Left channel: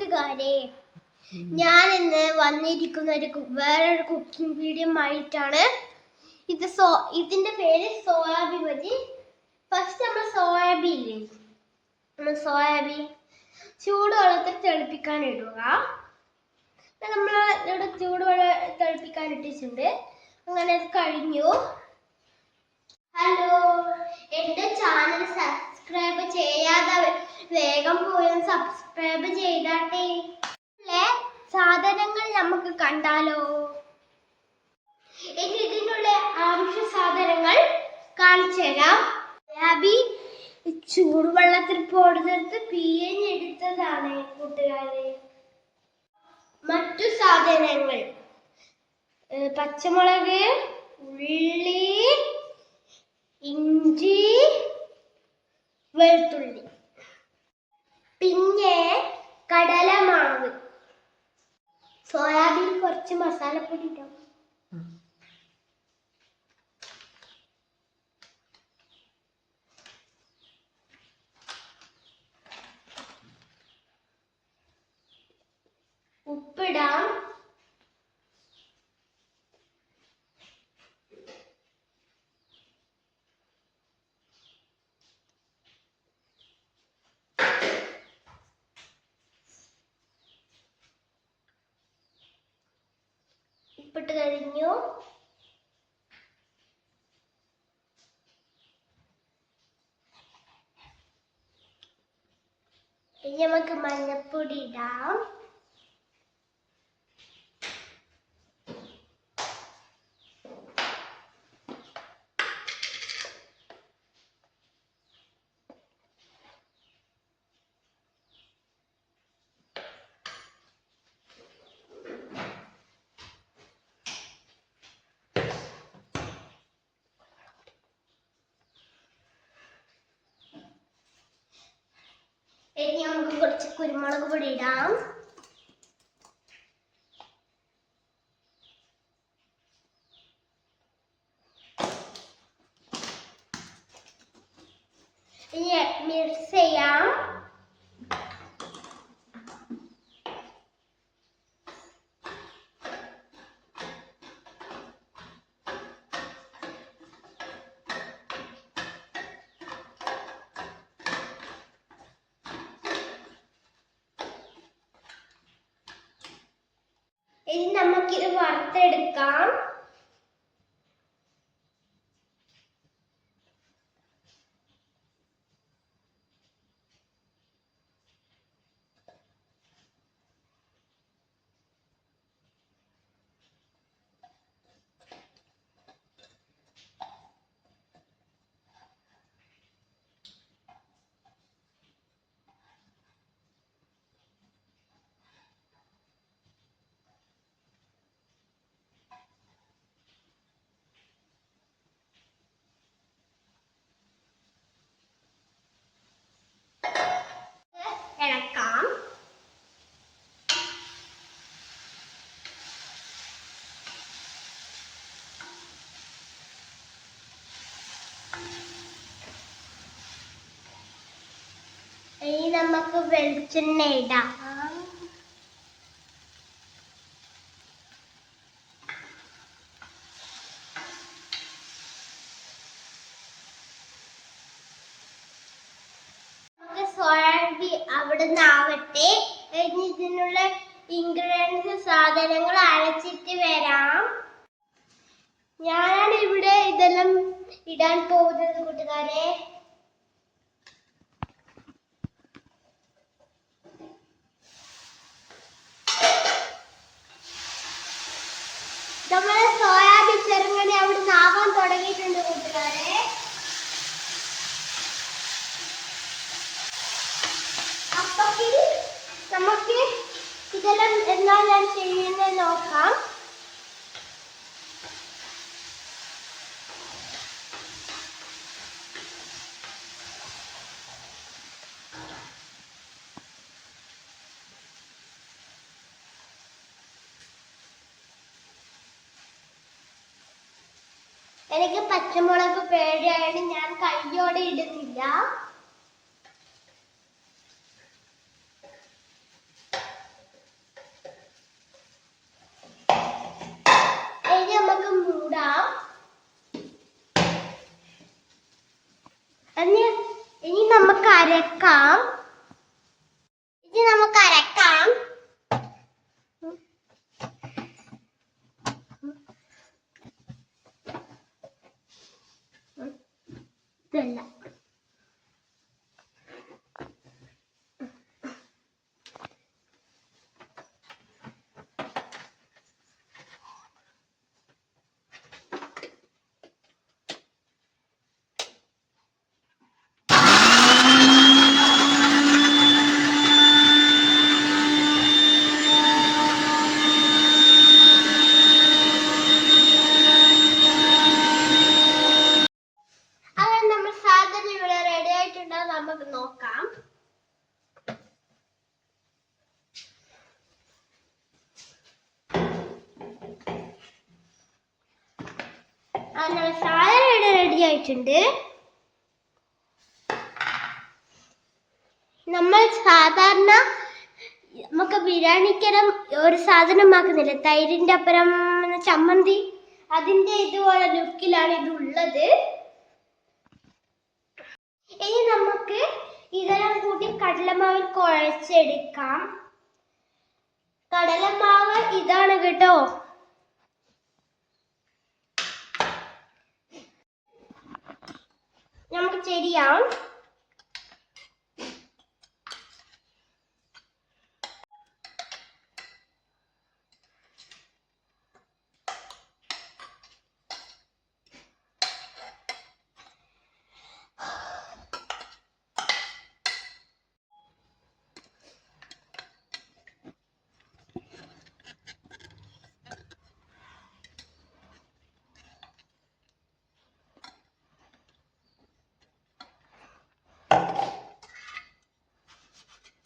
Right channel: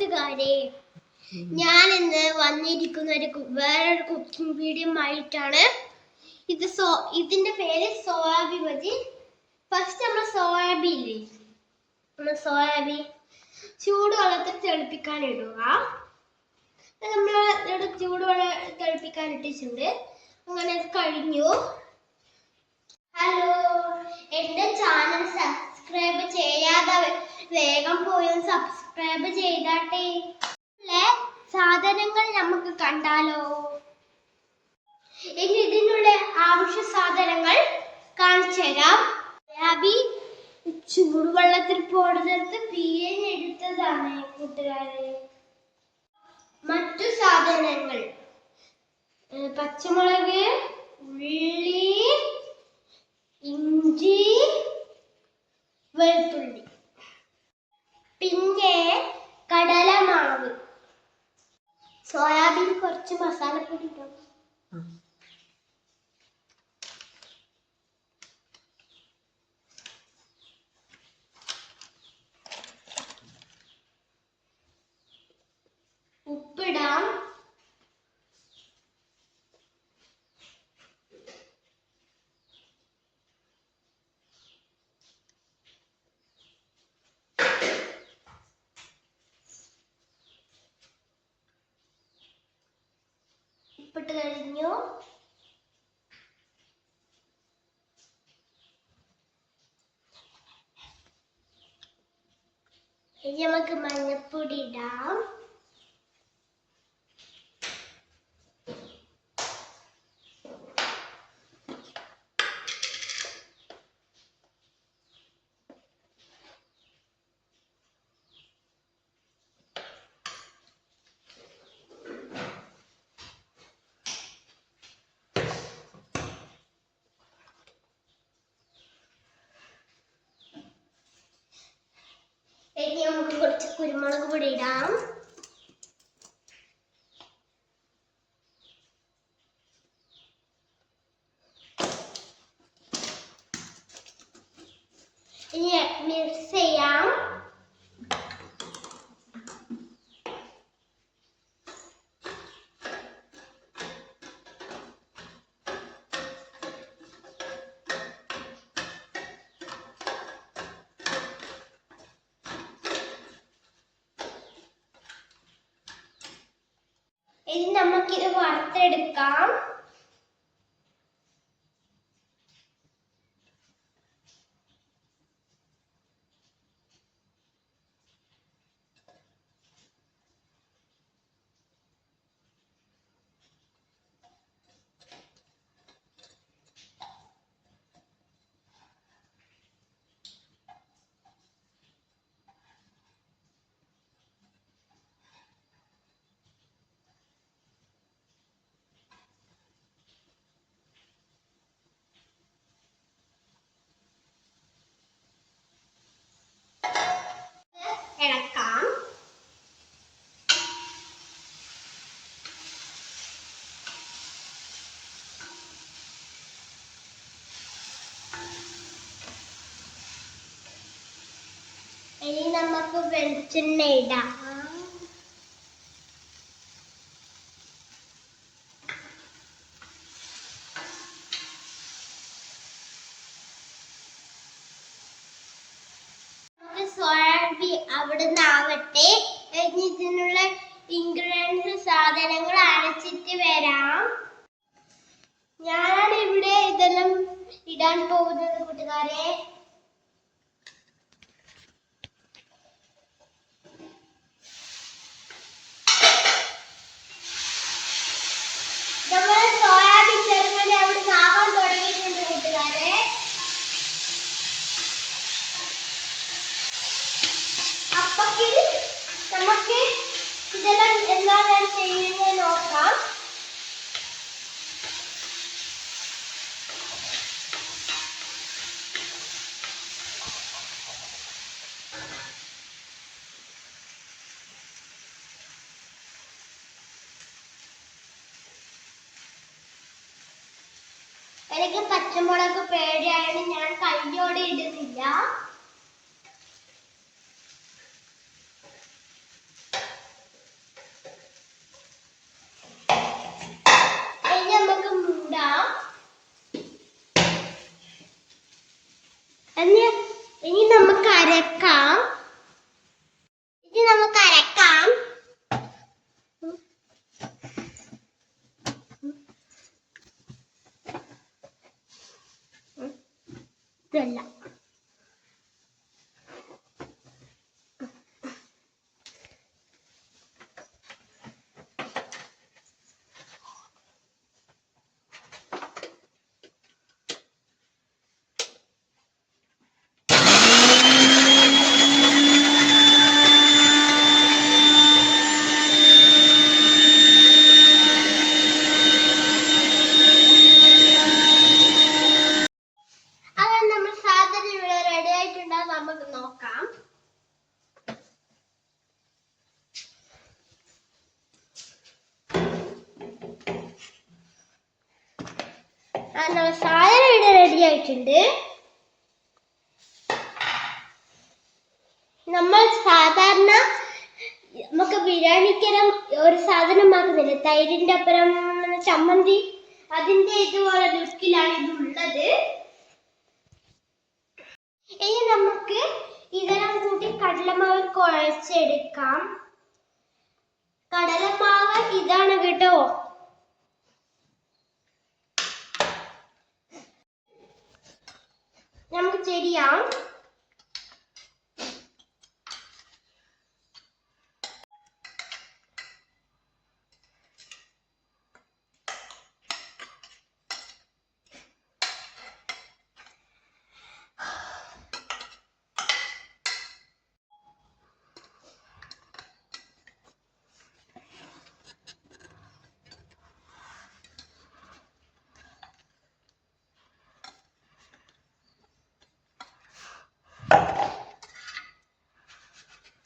കൂട്ടുകാരെ ഞാൻ ഇന്ന് വന്നിരിക്കുന്ന ഒരു വേറൊരു കുക്കിംഗ് വീഡിയോ ആയിട്ടാണ് ഇത് സോ ഇതിന്റെ പേര് സോയാബി മതി ഫസ്റ്റ് നമ്മൾ സോയാബി ഇല്ലേ നമ്മൾ സോയാബി ചൂടുവെള്ളത്തിൽ തിളപ്പിക്കാൻ ഇടുക. നമ്മൾ ഇവിടെ ചൂടുവെള്ളം തിളപ്പിക്കാൻ ഇട്ടിട്ടുണ്ട്. അങ്ങനെ അത് കഴിഞ്ഞു. ഹലോ എന്റെ ചാനൽ സബ്സ്ക്രൈബ് ചെയ്യാതെ വേഗം പോയി സബ്സ്ക്രൈബ് ചെയ്താട്ടെ. സാധനങ്ങൾ നമുക്ക് കണ്ടാലോ? ഇനി ഇതിനുള്ള ആവശ്യ സാധനങ്ങൾ കാണിച്ചു തരാം. സോയാബി ചൂടുവെള്ളത്തിൽ പോടുന്നത് എടുത്തതാണ് കൂട്ടുകാരെ. മറ്റു സാധനങ്ങൾ. പച്ചമുളക് ഉള്ളി ഇഞ്ചി വെളുത്തുള്ളി. പിന്നെ കടലമാവ് സോയാബീൻ കുറച്ച് മസാലപ്പൊടി ഇട്ടാം ഉപ്പിട്ട് കഴിഞ്ഞു. ഇനി നമുക്ക് മഞ്ഞപ്പൊടി ഇടാം. ഇനി നമുക്ക് കുറച്ച് കുരുമുളക് പൊടി ഇടാം. ഇനി നമുക്കിത് വറുത്തെടുക്കാം ഇളക്കാം ഇനി നമുക്ക് വെളിച്ചെണ്ണ ഇടാം. അവിടുന്ന് ആവട്ടെ. ഇതിനുള്ള ഇൻഗ്രീഡിയൻസ് സാധനങ്ങൾ അരച്ചിട്ട് വരാം. ഞാനാണ് ഇവിടെ ഇതെല്ലാം ഇടാൻ പോകുന്നത് കൂട്ടുകാരെ. നമ്മൾ സോയാബീൻ ചെറുങ്ങനെ അവിടെ നാവാൻ തുടങ്ങിയിട്ടുണ്ട് കൂട്ടുകാരെ. അപ്പത്തിൽ നമുക്ക് ഇതെല്ലാം എന്താ ഞാൻ ചെയ്യുന്നത് നോക്കാം. എനിക്ക് പച്ചമുളക് പേടിയാണ് ഞാൻ കയ്യോടെ ഇടുന്നില്ല. ഇനി നമുക്ക് മൂടാം. ഇനി നമുക്ക് അരക്കാം. ഇനി നമുക്ക് അരക്കാം. വെള്ളം അങ്ങനെ നമ്മൾ സാധനം ഇവിടെ റെഡി ആയിട്ടുണ്ടോ നമുക്ക് നോക്കാം. സാധനം ഇവിടെ റെഡി ആയിട്ടുണ്ട്. നമ്മൾ സാധാരണ നമുക്ക് ബിരിയാണിക്കരം ഒരു സാധനം ആക്കുന്നില്ല തൈരിന്റെ അപ്പുറം ചമ്മന്തി അതിന്റെ ഇതുപോലെ ലുക്കിലാണ് ഇത് ഉള്ളത്. ഇനി നമുക്ക് ഇതെല്ലാം കൂട്ടി കടലമാവ് കുഴച്ചെടുക്കാം. കടലമാവ് ഇതാണ് കേട്ടോ. നമുക്ക് ചെയ്യാം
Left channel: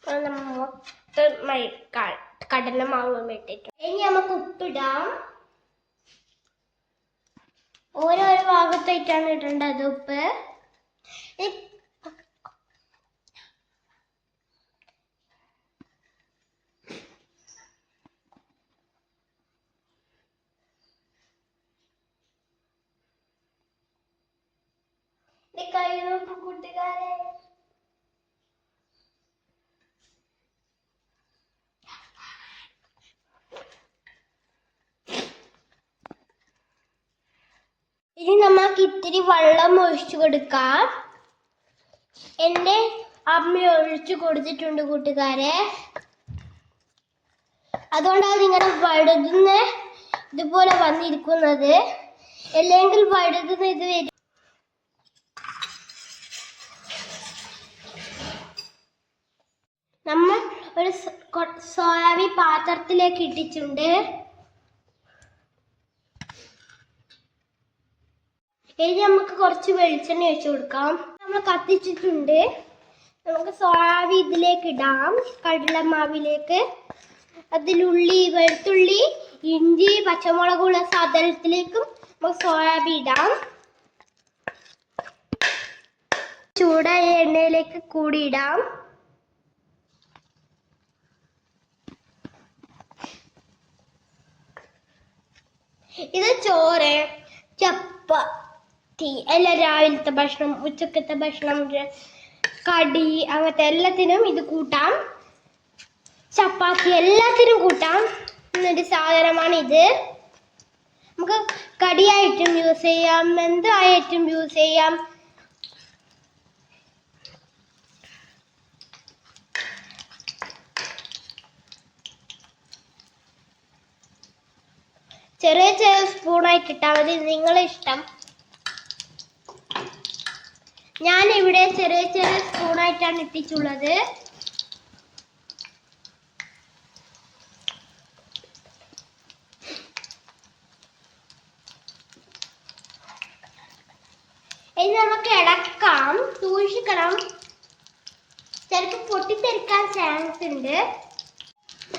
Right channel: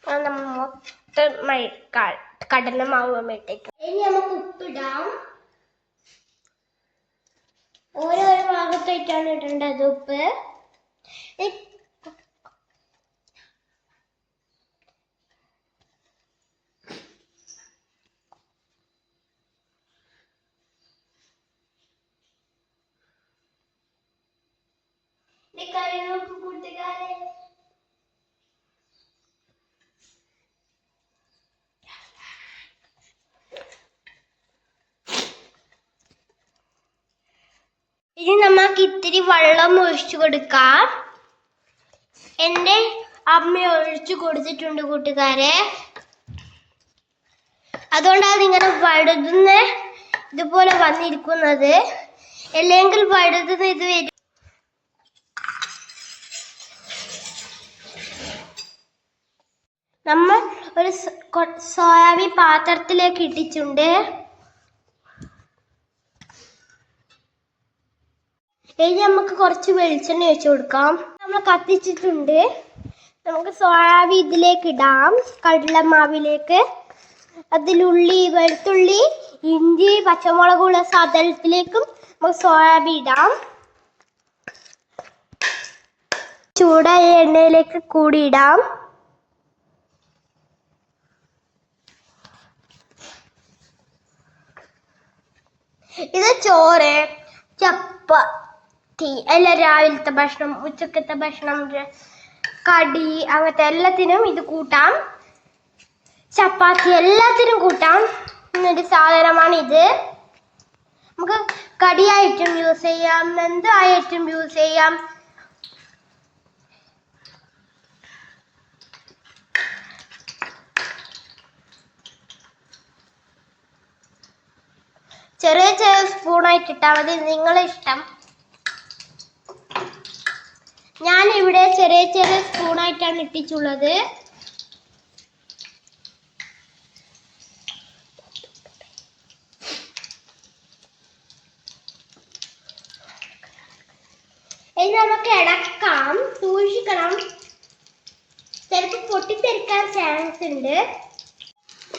അത് നമ്മൾ മൊത്തം കടലമാവ് ഇട്ടിട്ട്. ഇനി നമുക്ക് ഉപ്പിടാം. ഓരോ ഭാഗത്തായിട്ടാണ് ഇടേണ്ടത് ഉപ്പ് ഇ- ഇത് കറി നോക്കൂ കൂട്ടുകാരെ ഇനി നമുക്ക് ഇത്തിരി വെള്ളം ഒഴിച്ചു കൊടുക്കാം. എന്റെ അമ്മ ഒഴിച്ചു കൊടുത്തിട്ടുണ്ട് കൂട്ടുകാരെ. അതുകൊണ്ടാണ് ഇങ്ങനെ വഴുതുന്ന ഇതുപോലെ വന്നിരിക്കുന്നത്. അല്ലെങ്കിൽ വഴുതുന്ന ഇത് വരും. നമ്മൾ ഒരു സോയാബീൻ പാത്രത്തിലേക്ക് ഇട്ടിട്ടുണ്ട്. ഇനി നമുക്ക് കുറച്ച് വെളിച്ചെണ്ണ ഒഴിച്ചു കൊടുക്കാം. നമ്മൾ കത്തിച്ചിട്ടുണ്ട്. നമുക്ക് സോയാബീൻ ഇതിലേക്ക് ഇടാം. കടലമാവിലേക്ക്. അതിലുള്ളി വെളുത്തുള്ളി ഇഞ്ചി പച്ചമുളകുള്ള സാധനത്തിലേക്കും നമുക്ക് സോയാബീൻ ഇടാം. ചൂടായ എണ്ണയിലേക്ക് കൂടി ഇടാം. ഇത് ചോറ് ചപ്പാത്തി എല്ലാ രാവിലത്തെ ഭക്ഷണം ഉച്ചക്കത്തെ ഭക്ഷണം കടി അങ്ങനത്തെ എല്ലാത്തിനും ഇത് കൂട്ടാം. ചപ്പാത്തി എല്ലാത്തിനും കൂട്ടാം. എന്നൊരു സാധനമാണ് ഇത്. നമുക്ക് കടിയായിട്ടും യൂസ് ചെയ്യാം എന്തായിട്ടും യൂസ് ചെയ്യാം? ചെറിയ ചെറിയ സ്പൂണായിട്ട് ഇട്ടാൽ മതി നിങ്ങളെ ഇഷ്ടം ഞാൻ ഇവിടെ ചെറിയ ചെറിയ സ്പൂണായിട്ടാണ് ഇട്ടിച്ചുള്ളത് ഇനി നമുക്ക് ഇടക്കാം സൂക്ഷിക്കണം. ചിലപ്പോൾ പൊട്ടിത്തെറിക്കാൻ ചാൻസ് ഉണ്ട്.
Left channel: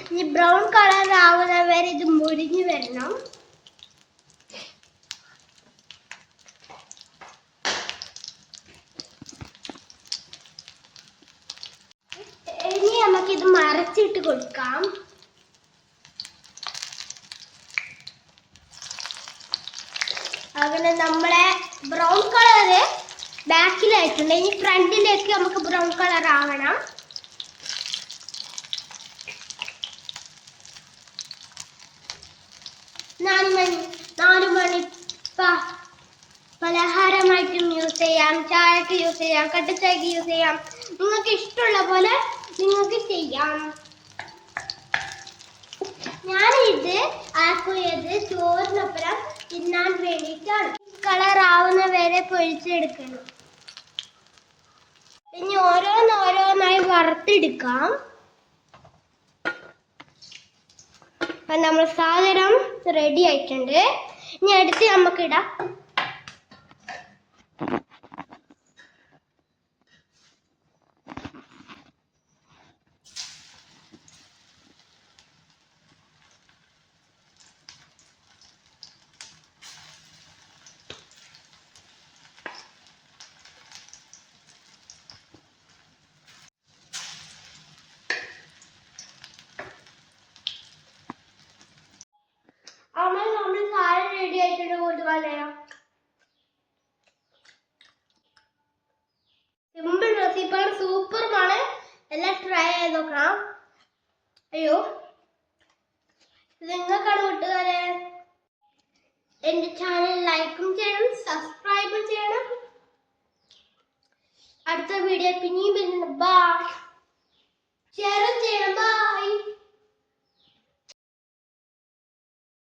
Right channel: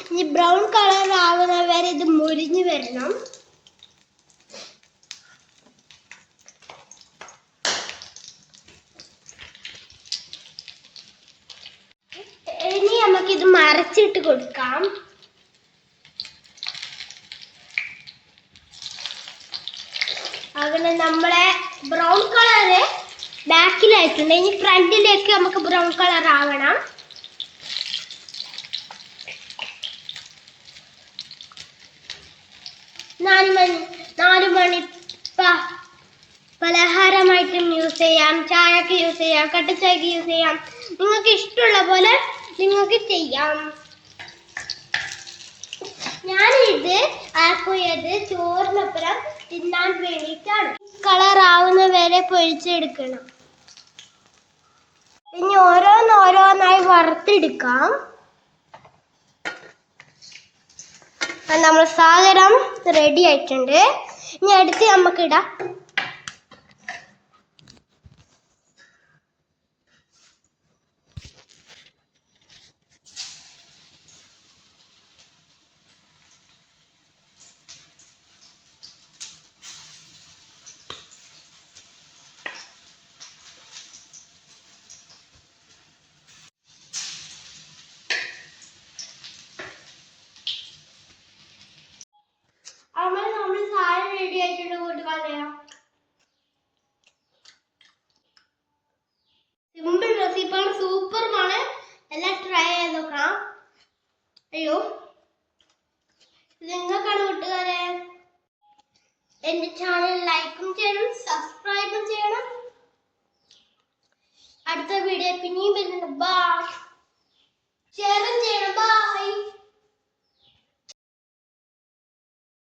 ഇനി ബ്രൗൺ കളർ ആവുന്നവരെ ഇത് മുരിഞ്ഞു വരണം. നമുക്ക് ഇത് മറച്ചിട്ട് കൊടുക്കാം. അങ്ങനെ നമ്മളെ ബ്രൗൺ കളറ് ബാക്കിലായിട്ടുണ്ട്. ഇനി ഫ്രണ്ടിലേക്ക് നമുക്ക് ബ്രൗൺ കളർ ആവണം. നാല് മണി നാല് മണി പലഹാരമായിട്ടും യൂസ് ചെയ്യാം. ചായക്ക് യൂസ് ചെയ്യാം. കട്ടച്ചായക്ക് യൂസ് ചെയ്യാം. നിങ്ങൾക്ക് ഇഷ്ടമുള്ള പോലെ നിങ്ങൾക്ക് ചെയ്യാം. ഞാനിത് ആക്കിയത് ചോറിനപ്പുറം തിന്നാൻ വേണ്ടിയിട്ടാണ്. കളർ ആവുന്ന വരെ പൊരിച്ചെടുക്കണം. ഇനി ഓരോന്നോരോന്നായി വറുത്തെടുക്കാം. നമ്മൾ സാഗരം റെഡി ആയിട്ടുണ്ട്. ഇനി അടുത്ത് നമുക്കിടാം അമ്മ നമ്മൾ സാധനം റെഡി ആയിട്ടുണ്ട് കൂട്ടുകാരെ സിമ്പിൾ റെസിപ്പിയാണ് സൂപ്പറുമാണ് എല്ലാം ട്രൈ ചെയ്ത് നോക്കണം. അയ്യോ നിങ്ങൾക്കാണ് കൂട്ടുകാരെ എന്റെ ചാനൽ ലൈക്കും ചെയ്യണം സബ്സ്ക്രൈബും ചെയ്യണം. അടുത്ത വീഡിയോ പിന്നെയും വരുന്നുണ്ട്. ബാ ഷെയറും ചെയ്യണം. ബൈ